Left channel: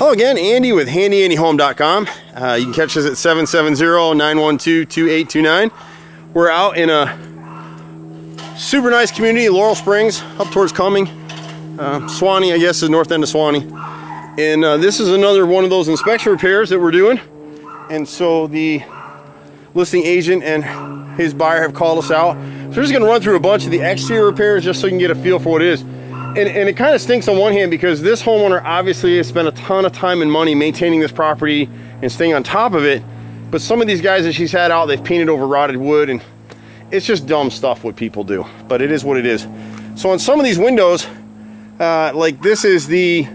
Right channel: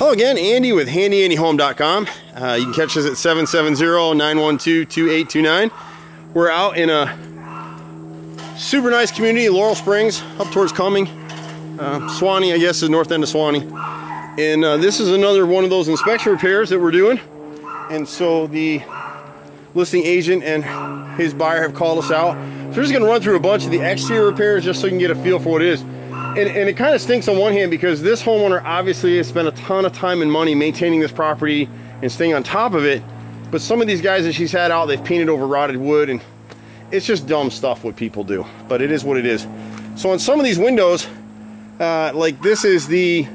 Hello again, Andy with HandyANDYHome.com. You can catch us at 770-912-2829. We're out in a super nice community, Laurel Springs, up towards Cumming. Suwanee, I guess, is north end of Suwanee. And this is another one of those inspection repairs that we're doing. And so the listing agent and his buyer have called us out. So we're just going to run through a bunch of the exterior repairs just so you can get a feel for what it is. And it kind of stinks on one hand because this homeowner obviously has spent a ton of time and money maintaining this property and staying on top of it. But some of these guys that she's had out, they've painted over rotted wood, and it's just dumb stuff what people do. But it is what it is. So on some of these windows, like this is the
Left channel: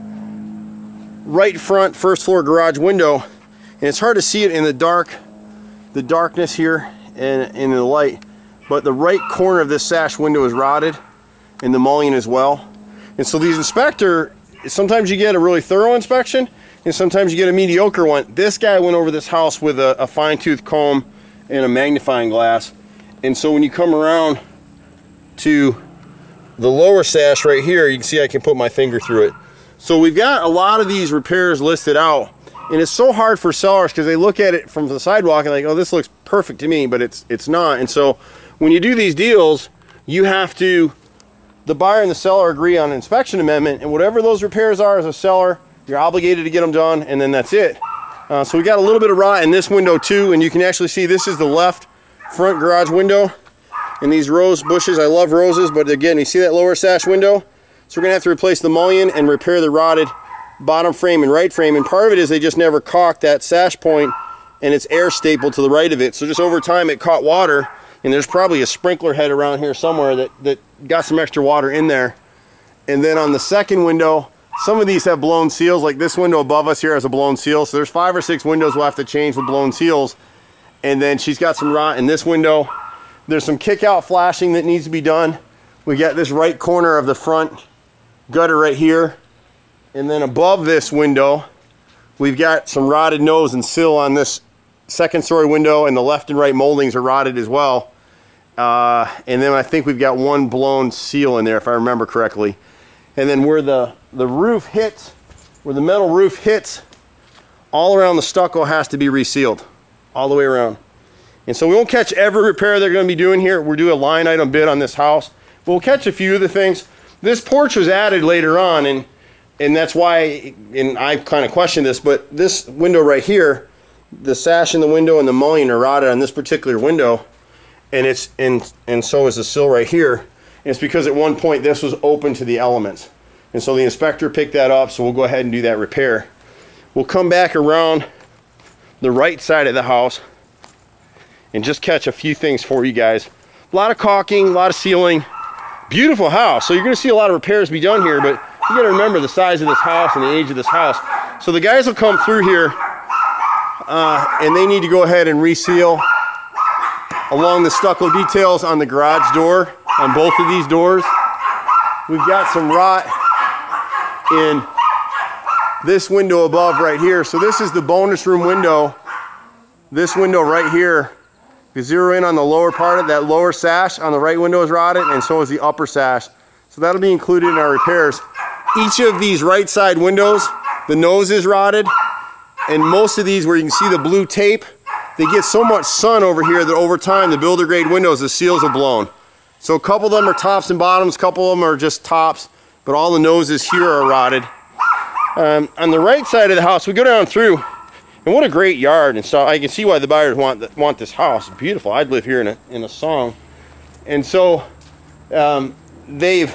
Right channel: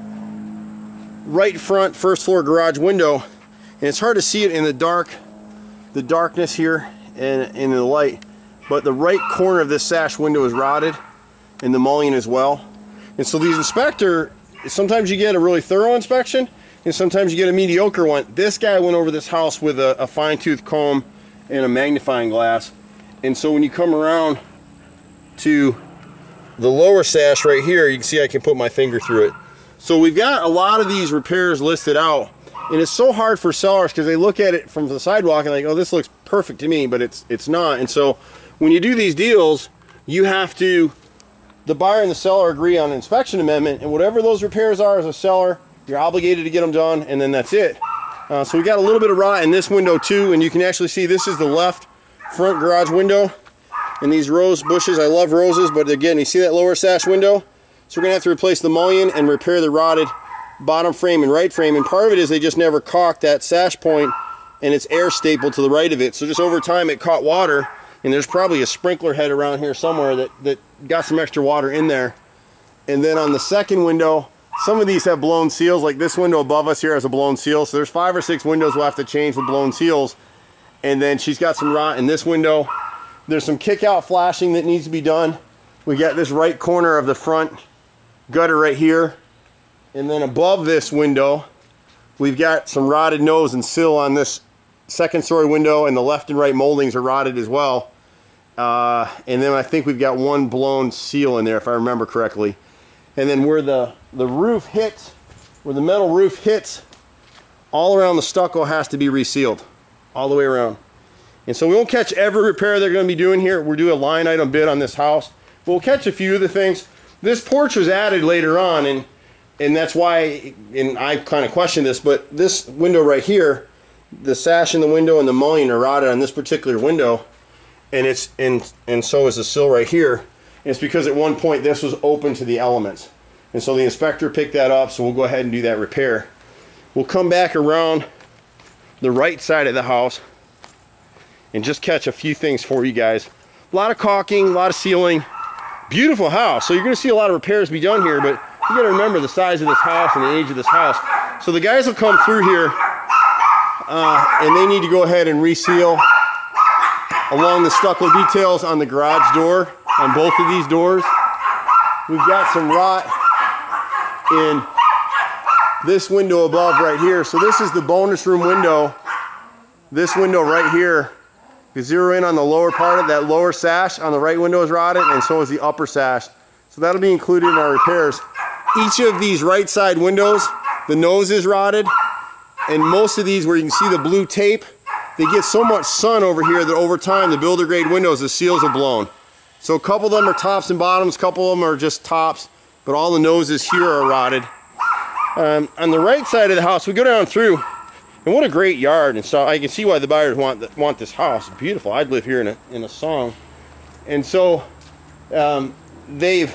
right front first floor garage window, and it's hard to see it in the darkness here and in the light. But the right corner of this sash window is rotted, and the mullion as well. And so these sometimes you get a really thorough inspection, and sometimes you get a mediocre one. This guy went over this house with a fine-tooth comb and a magnifying glass. And so when you come around to the lower sash right here, you can see I can put my finger through it. So we've got a lot of these repairs listed out, and it's so hard for sellers because they look at it from the sidewalk and like, oh, this looks perfect to me, but it's not. And so when you do these deals, you have to, the buyer and the seller agree on an inspection amendment, and whatever those repairs are as a seller, you're obligated to get them done, and then that's it. So we got a little bit of rot in this window too, and you can actually see this is the left front garage window, and these rose bushes, I love roses, but again, you see that lower sash window? So we're gonna have to replace the mullion and repair the rotted bottom frame and right frame, and part of it is they just never caulked that sash point, and it's air stapled to the right of it. So just over time it caught water, and there's probably a sprinkler head around here somewhere that got some extra water in there. And then on the second window, some of these have blown seals, like this window above us here has a blown seal. So there's 5 or 6 windows we'll have to change with blown seals. And then she's got some rot in this window. There's some kick out flashing that needs to be done. We got this right corner of the front gutter right here. And then above this window, we've got some rotted nose and sill on this second story window, and the left and right moldings are rotted as well. And then I think we've got one blown seal in there, if I remember correctly. And then where the roof hits, where the metal roof hits, all around the stucco has to be resealed, all the way around. And so we won't catch every repair they're going to be doing here. We'll do a line item bid on this house. We'll catch a few of the things. This porch was added later on, and that's why, and I kind of questioned this, but this window right here, the sash in the window and the mullion are rotted on this particular window. And so is the sill right here. And it's because at one point this was open to the elements. And so the inspector picked that up, so we'll go ahead and do that repair. We'll come back around the right side of the house and just catch a few things for you guys. A lot of caulking, a lot of sealing. Beautiful house. So you're gonna see a lot of repairs be done here, but you gotta remember the size of this house and the age of this house. So the guys will come through here and they need to go ahead and reseal along the stucco details on the garage door, on both of these doors. We've got some rot in this window above right here. So this is the bonus room window. This window right here, you zero in on the lower part of that lower sash on the right window is rotted, and so is the upper sash. So that'll be included in our repairs. Each of these right side windows, the nose is rotted, and most of these where you can see the blue tape, they get so much sun over here that over time the builder grade windows, the seals are blown. So a couple of them are tops and bottoms, a couple of them are just tops, but all the noses here are rotted. On the right side of the house, we go down through, and what a great yard. And so I can see why the buyers want this house. It's beautiful. I'd live here in a song. And so they've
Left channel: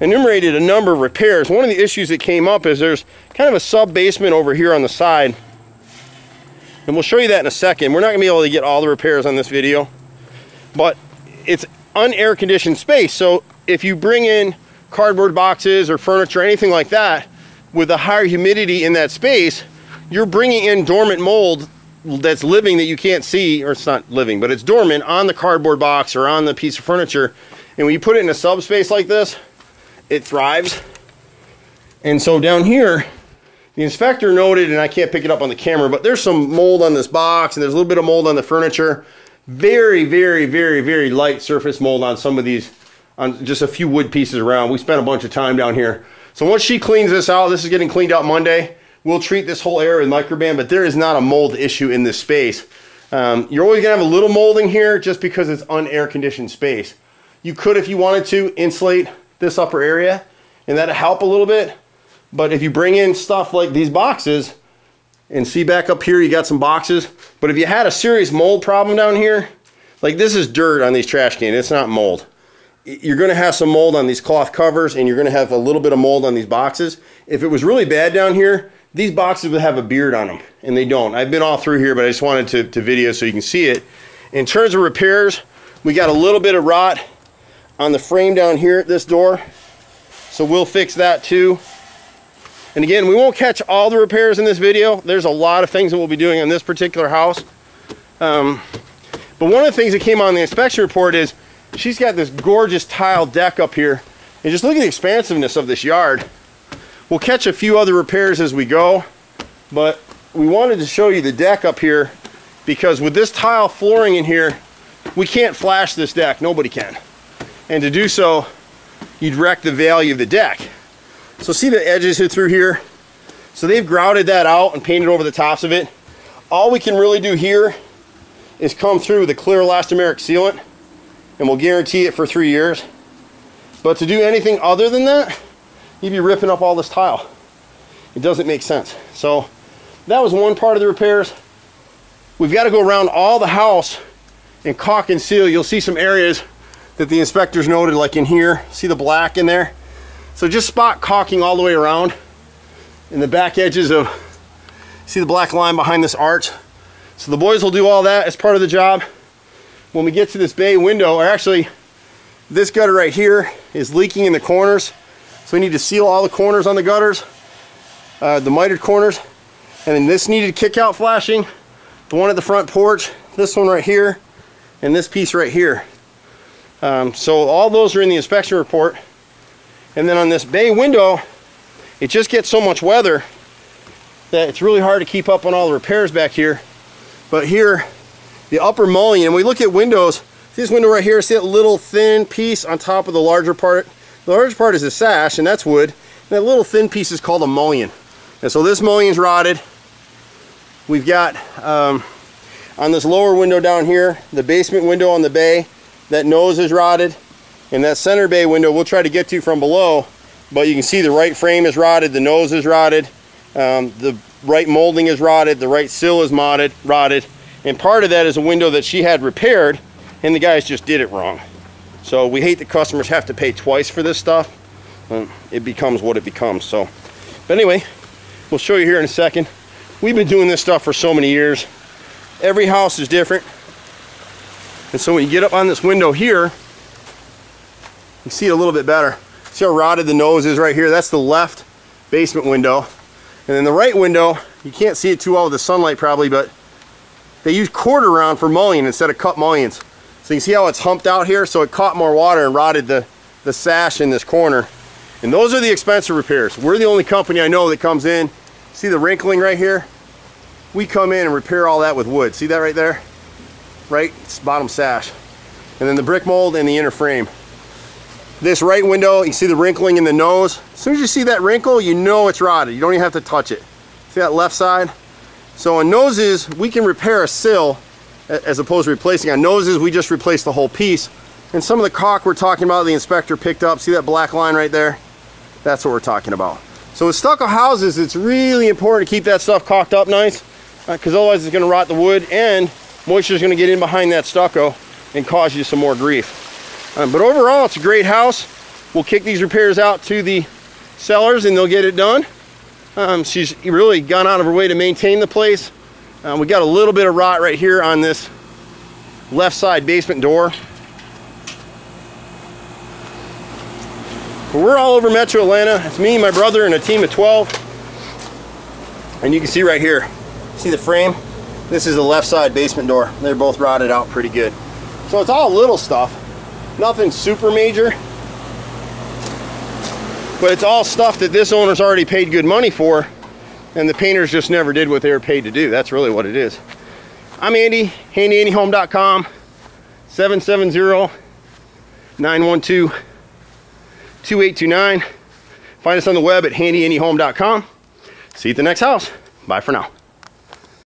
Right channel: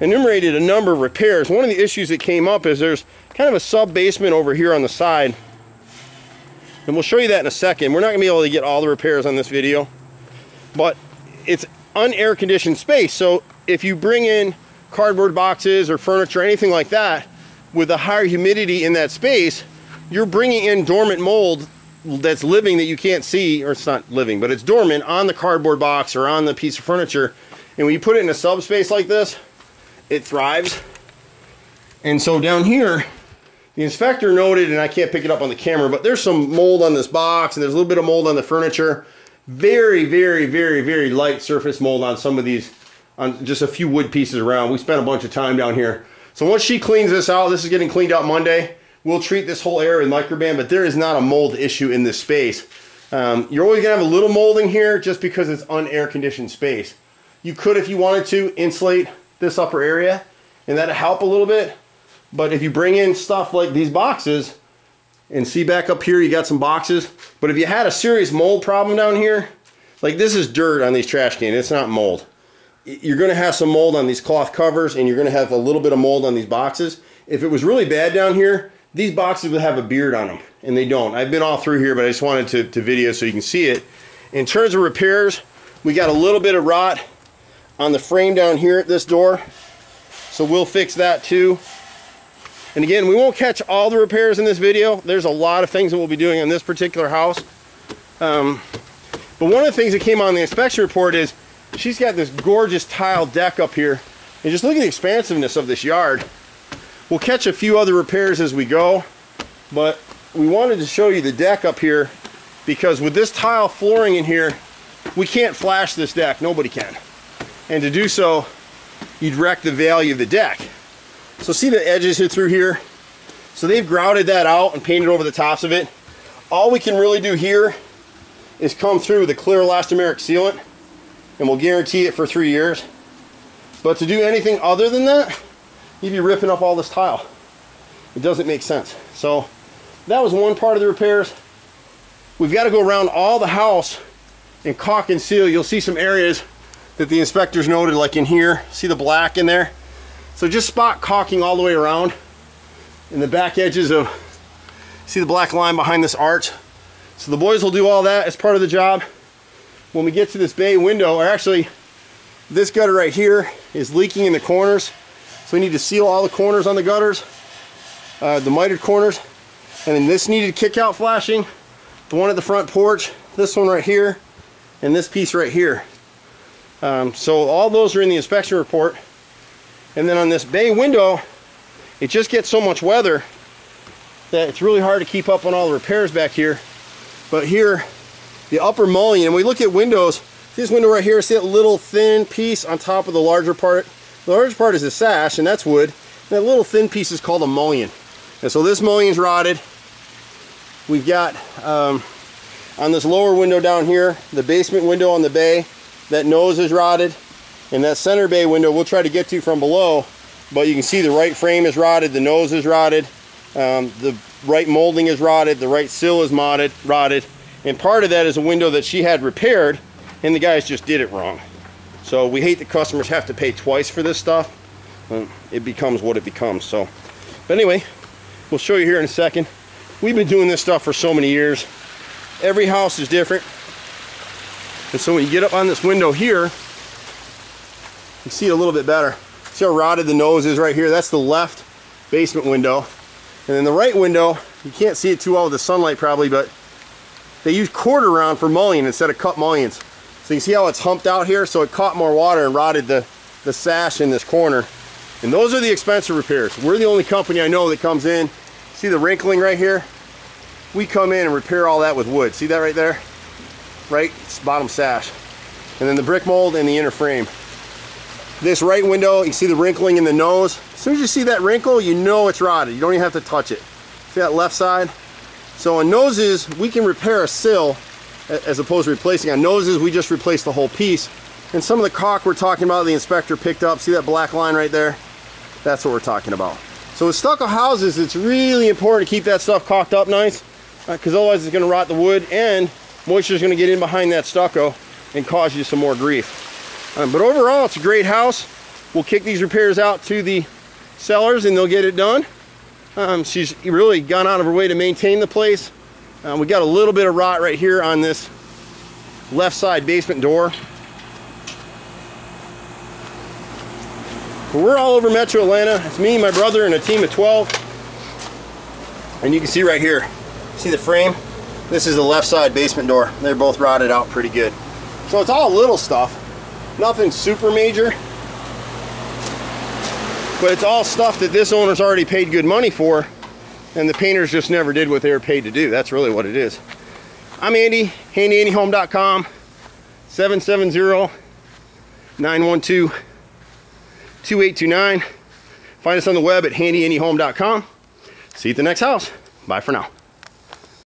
enumerated a number of repairs. One of the issues that came up is there's kind of a sub basement over here on the side. And we'll show you that in a second. We're not gonna be able to get all the repairs on this video, but it's unair conditioned space. So if you bring in cardboard boxes or furniture, anything like that, with a higher humidity in that space, you're bringing in dormant mold that's living that you can't see, or it's not living, but it's dormant on the cardboard box or on the piece of furniture. And when you put it in a subspace like this, it thrives. And so down here, the inspector noted, and I can't pick it up on the camera, but there's some mold on this box, and there's a little bit of mold on the furniture. Very, very, very, very light surface mold on some of these, on just a few wood pieces around. We spent a bunch of time down here. So once she cleans this out, this is getting cleaned out Monday. we'll treat this whole area with microban, but there is not a mold issue in this space. You're always gonna have a little molding here just because it's un-air conditioned space. You could, if you wanted to, insulate this upper area, and that'll help a little bit. But if you bring in stuff like these boxes, and see back up here, you got some boxes. But if you had a serious mold problem down here, like this is dirt on these trash cans, it's not mold. You're gonna have some mold on these cloth covers, and you're gonna have a little bit of mold on these boxes. If it was really bad down here, these boxes would have a beard on them, and they don't. I've been all through here, but I just wanted to video so you can see it. In terms of repairs, we got a little bit of rot on the frame down here at this door, so we'll fix that too. And again, we won't catch all the repairs in this video. There's a lot of things that we'll be doing on this particular house. But one of the things that came on the inspection report is she's got this gorgeous tile deck up here. And just look at the expansiveness of this yard. We'll catch a few other repairs as we go, but we wanted to show you the deck up here because with this tile flooring in here, we can't flash this deck. Nobody can. And to do so, you'd wreck the value of the deck. So see the edges here through here? So they've grouted that out and painted over the tops of it. All we can really do here is come through with a clear elastomeric sealant, and we'll guarantee it for 3 years. But to do anything other than that, you'd be ripping up all this tile. It doesn't make sense. So that was one part of the repairs. We've got to go around all the house and caulk and seal. You'll see some areas that the inspectors noted, like in here. See the black in there? So just spot caulking all the way around in the back edges of, see the black line behind this arch? So the boys will do all that as part of the job. When we get to this bay window, or actually this gutter right here is leaking in the corners. So we need to seal all the corners on the gutters, the mitered corners. And then this needed kick out flashing, the one at the front porch, this one right here, and this piece right here. So all those are in the inspection report. And then on this bay window, it just gets so much weather that it's really hard to keep up on all the repairs back here. But here, the upper mullion, we look at windows, see this window right here, see that little thin piece on top of the larger part? The larger part is the sash, and that's wood. And that little thin piece is called a mullion. And so this mullion's rotted. We've got, on this lower window down here, the basement window on the bay, that nose is rotted. And that center bay window we'll try to get to from below, but you can see the right frame is rotted, the nose is rotted, the right molding is rotted, the right sill is rotted, and part of that is a window that she had repaired, and the guys just did it wrong. So we hate that customers have to pay twice for this stuff. It becomes what it becomes. So, but anyway, we'll show you here in a second. We've been doing this stuff for so many years. Every house is different, and so when you get up on this window here, you can see it a little bit better. See how rotted the nose is right here? That's the left basement window. And then the right window, you can't see it too well with the sunlight probably, but they use quarter round for mullion instead of cut mullions. So you can see how it's humped out here? So it caught more water and rotted the sash in this corner. And those are the expensive repairs. We're the only company I know that comes in. See the wrinkling right here? We come in and repair all that with wood. See that right there? Right? It's bottom sash. And then the brick mold and the inner frame. This right window, you see the wrinkling in the nose. As soon as you see that wrinkle, you know it's rotted. You don't even have to touch it. See that left side? So on noses, we can repair a sill as opposed to replacing. On noses, we just replace the whole piece. And some of the caulk we're talking about, the inspector picked up. See that black line right there? That's what we're talking about. So with stucco houses, it's really important to keep that stuff caulked up nice, because otherwise it's going to rot the wood, and moisture is going to get in behind that stucco and cause you some more grief. But overall, it's a great house. We'll kick these repairs out to the sellers and they'll get it done. She's really gone out of her way to maintain the place. We got a little bit of rot right here on this left side basement door. But we're all over Metro Atlanta. It's me, my brother, and a team of 12. And you can see right here, see the frame? This is the left side basement door. They're both rotted out pretty good. So it's all little stuff. Nothing super major, but it's all stuff that this owner's already paid good money for, and the painters just never did what they were paid to do. That's really what it is. I'm Andy, HandyANDYHome.com, 770-912-2829. Find us on the web at HandyANDYHome.com. See you at the next house. Bye for now.